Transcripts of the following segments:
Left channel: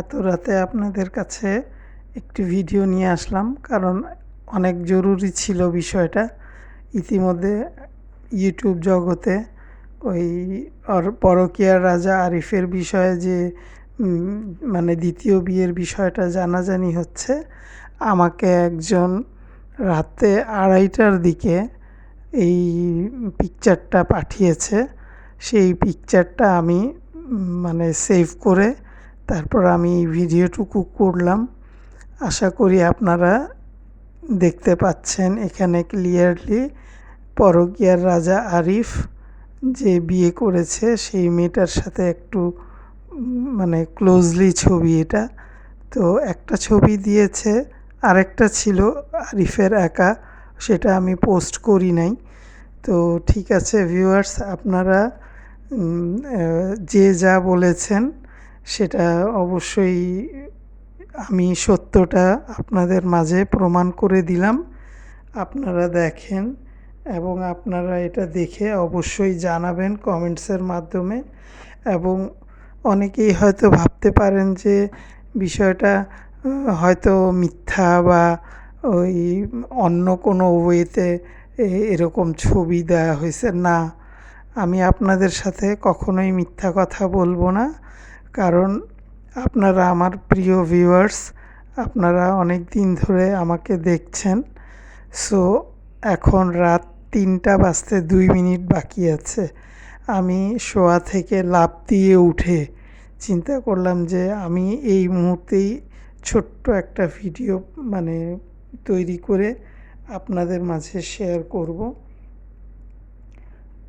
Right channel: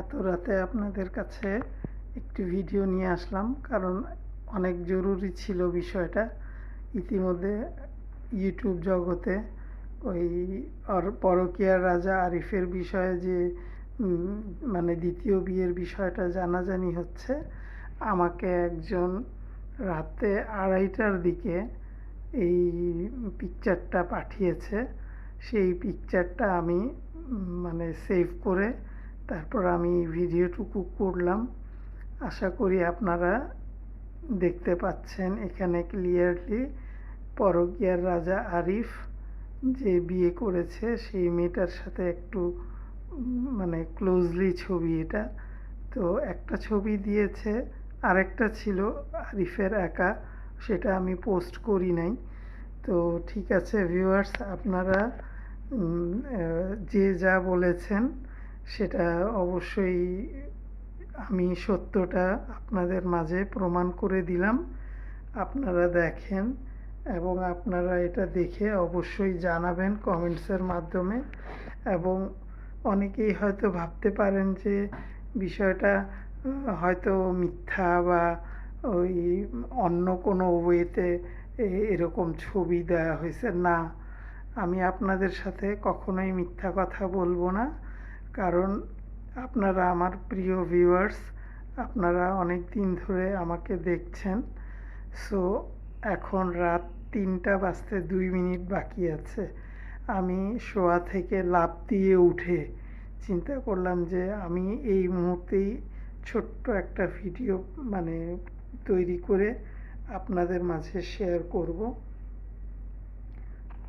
এত রাতে আপনাদের কাছে একটি ভিডিও নিয়ে আসলাম, কারণ অনেক জরুরি ছিল বিষয়টা। ইতিমধ্যে ইউটিউব জগতে ওই পরকীয়ার রাজা আরিফের বিষয়ে যে মানে দ্বিতীয় বিয়ের বিষয়টা জানাজানি হচ্ছে। আমাকে একজন রাতে 2:30টার দিকে এই পিকচারটা পাঠিয়েছে। সেই পিকচারটা আমি মানে সেভ করে তারপর আমি ভিডিওটুকু করলাম। আশা করি আপনারা দেখতে পাচ্ছেন এখানে ক্লিয়ারলি পরকীয়ার রাজা আরিফ যে বিয়ে করেছে সেই মেয়েটার সাথে একটু মানে ক্লোজলি ছবি এটা। তো একটা ছবি দিয়েছে, আরেকটা ছিল আরিফের একা, সেটা আমি পোস্ট করি নাই। তো ঠিক আছে ভিউয়ার্স, আপনারা যে যা বলেছেন সেটা অবশ্যই আমি সত্যটা আপনাদের মাঝে প্রমাণ করে দিলাম। আপনারা দেখেন এবং আপনারা এটা দেখে অবশ্যই জানাবেন কমেন্টসের মাধ্যমে। এবং অনেকেই হয়তো ভাবতে পারেন যে বিষয়টা হয়তো মিথ্যা বা ওই অন্য কোনো ওয়েতে এরকম ছবি দেওয়া হয়েছে। না, আমি আপনাদের সাথে কখনোই মিথ্যা কথা বলবো না, কারণ আপনারা আমার প্রিয় ভিউয়ার্স, আপনারা অনেক দিন ধরে আমাকে দেখছেন। সো এখন রাত 3টা বাজতে 2 মিনিট বাকি আছে। আমি শোয়া থেকে লাফ দিয়ে উঠে চিন্তা করলাম যে আমি এই মুহূর্তেই ছোট্ট একটা ভিডিও মানে তৈরি করে আপনাদের মাঝে শেয়ার করব।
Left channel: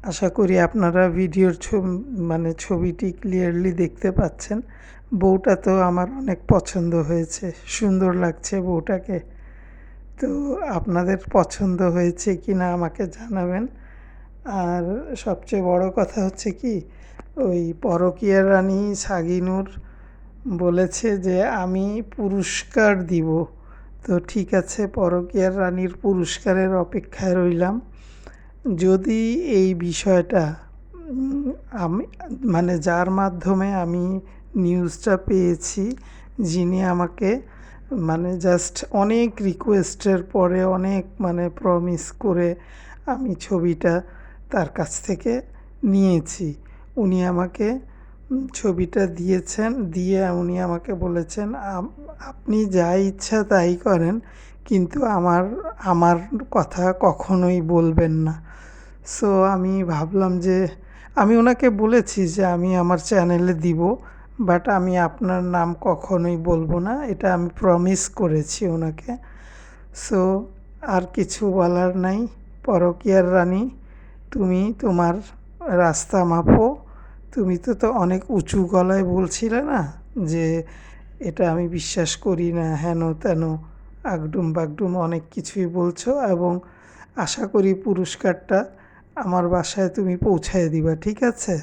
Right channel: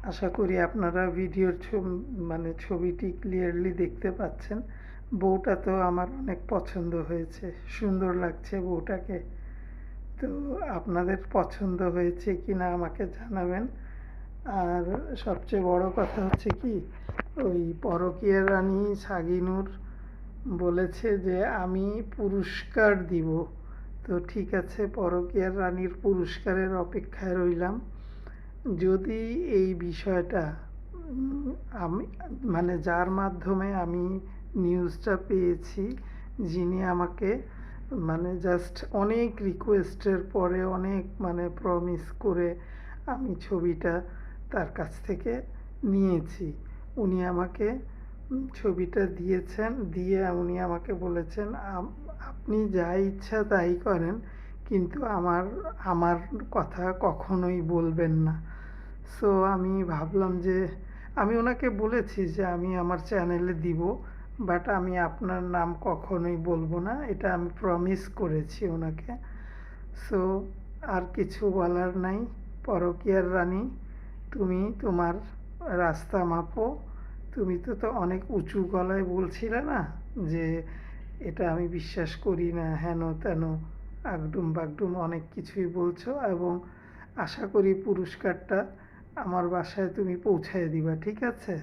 আশা করি আপনারা ভিডিওর মানে ছবিটি ক্লিয়ারলি দেখতে পাচ্ছেন। বউটা তো আমার অনেক পছন্দ হয়েছে, সুন্দর লাগছে বউটাকে। তো আপনাদের পছন্দ হয়েছে কি না আমাকে জানাবেন। আর সবচেয়ে বড় কথা হচ্ছে কি, ওই পরকীয়ার রানী সাগিনুর বলেছে যে আমি পুরস্কার দিব। তো ঠিক আছে, পরকীয়ার রানীর পুরস্কারের অপেক্ষায় রইলাম। যদি এই বিষয়টা আমি মানে যার মাধ্যমে আমি নিউজটা পেয়েছি, যিনি আমাকে মানে জাস্ট অনেক রিকোয়েস্টের পরে অনেক মানে প্রমিস করে আমি ছবিটা তার কাছ থেকে নিয়েছি। উনি আমাকে ছবিটা দিয়েছেন, দিয়ে উনি আমাকে বলেছেন আপনি যা ইচ্ছা তাই করেন, কিন্তু আমার আমার কথা কখনোই বলবেন না। সো আমি ভাবলাম যে আমি ওনাকে বলেছি যে আমি আমার চ্যানেলে দিব, বাট আমি আপনার নাম কখনোই বলবো না, এটা আমি প্রমিস করেছি ওনাকে। সো আর কিছু বলার নাই। পরকীয়ার রানী, তুমি তোমার রাস্তা মাপো। তুমি তো অনেক উঁচু গলায় বলছিলে না যে এটা আমি বিশ্বাস করি না, হেন তেন আগডুম বাগডুম অনেক কিছুই বলছো। এবং আশা করি পুরস্কারটা আমার বাসায় তুমি পৌঁছায় দিবা, ঠিক আছে?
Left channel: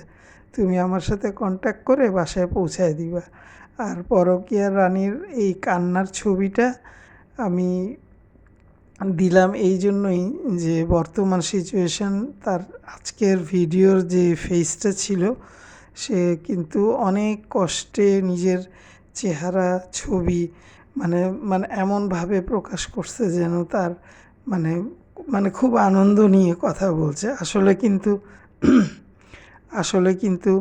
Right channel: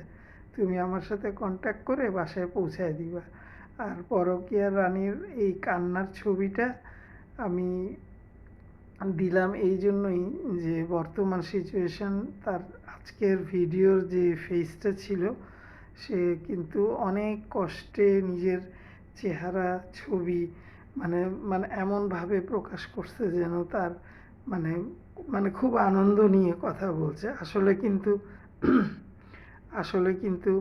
তুমি আমার সাথে কন্ট্যাক্ট করে বাসায় পৌঁছায় দিবা। আর পরকীয়া রানীর এই কান্নার ছবিটা আমি দিলাম এই জন্যই যে বর্তমান সিচুয়েশান, তার আজকের ভিডিওর যে ফেসটা ছিল, সে কিন্তু অনেক কষ্টে নিজের চেহারা ছবি মানে মানে এমনভাবে প্রকাশ করছে যেন তার মানে মানে খুব আনন্দ নিয়ে কথা বলছে। আসলে কিন্তু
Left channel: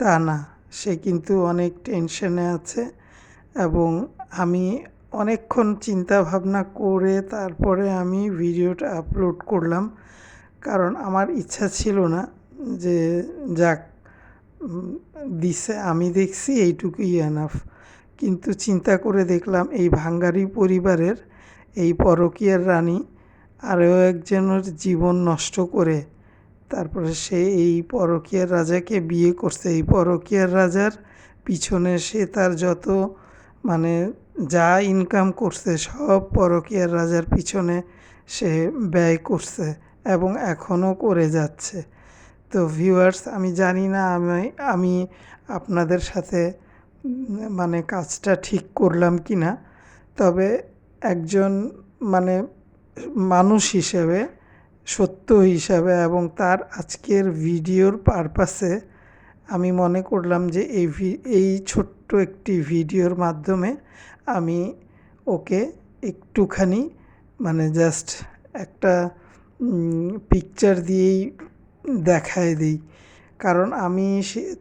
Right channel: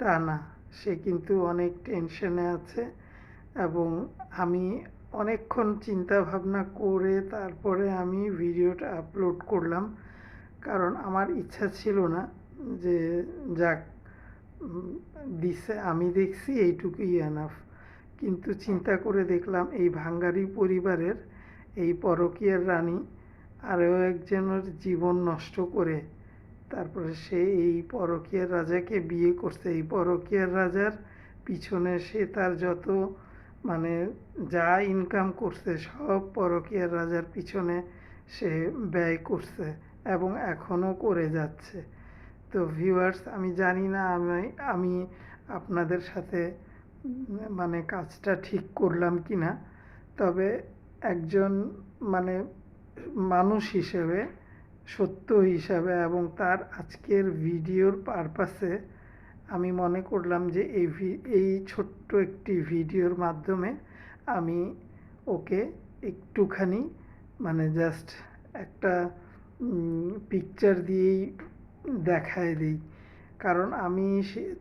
তা না, সে কিন্তু অনেক টেনশনে আছে। এবং আমি অনেকক্ষণ চিন্তা ভাবনা করে তারপরে আমি ভিডিওটা আপলোড করলাম, কারণ আমার ইচ্ছা ছিল না যে যাক দিছে আমি দেখছি এইটুকুই এনাফ। কিন্তু চিন্তা করে দেখলাম এই ভাঙ্গারি পরিবারের এই পরকীয়ার রানী আরও একজনের জীবন নষ্ট করে তারপরে সে এই পরকীয়ার রাজাকে বিয়ে করছে। এই পরকীয়ার রাজার পিছনে সে তার যত মানে যা ইনকাম করছে সব পরকীয়ার রাজার পিছনে সে ব্যয় করছে এবং এখনও করে যাচ্ছে। তো ভিউয়ার্স, আমি জানি না আমি আপনাদের সাথে মানে কাজটা ঠিক করলাম কি না, তবে একজন মানে মানুষ হিসেবে, সত্য হিসাবে এবং তার আজকের ভিডিওর পারপাসে আমি মনে করলাম যে এই ছোট্ট একটি ভিডিওর মাধ্যমে আমি ওকে একটুখানি মানে জাস্ট একটা পিকচার দিয়েই দেখায় দিই। কারণ আমি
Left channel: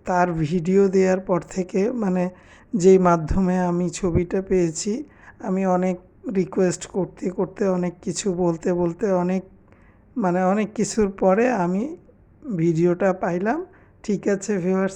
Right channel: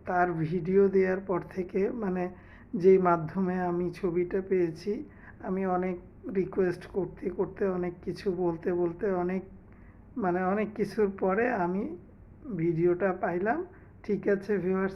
তার ভিডিও দেওয়ার পর থেকে মানে যেই মাধ্যমে আমি ছবিটা পেয়েছি, আমি অনেক রিকোয়েস্ট করতে করতে, অনেক কিছু বলতে বলতে, অনেক কিছুর পরে আমি ভিডিওটা পাইলাম। ঠিক আছে ভিউয়ার্স।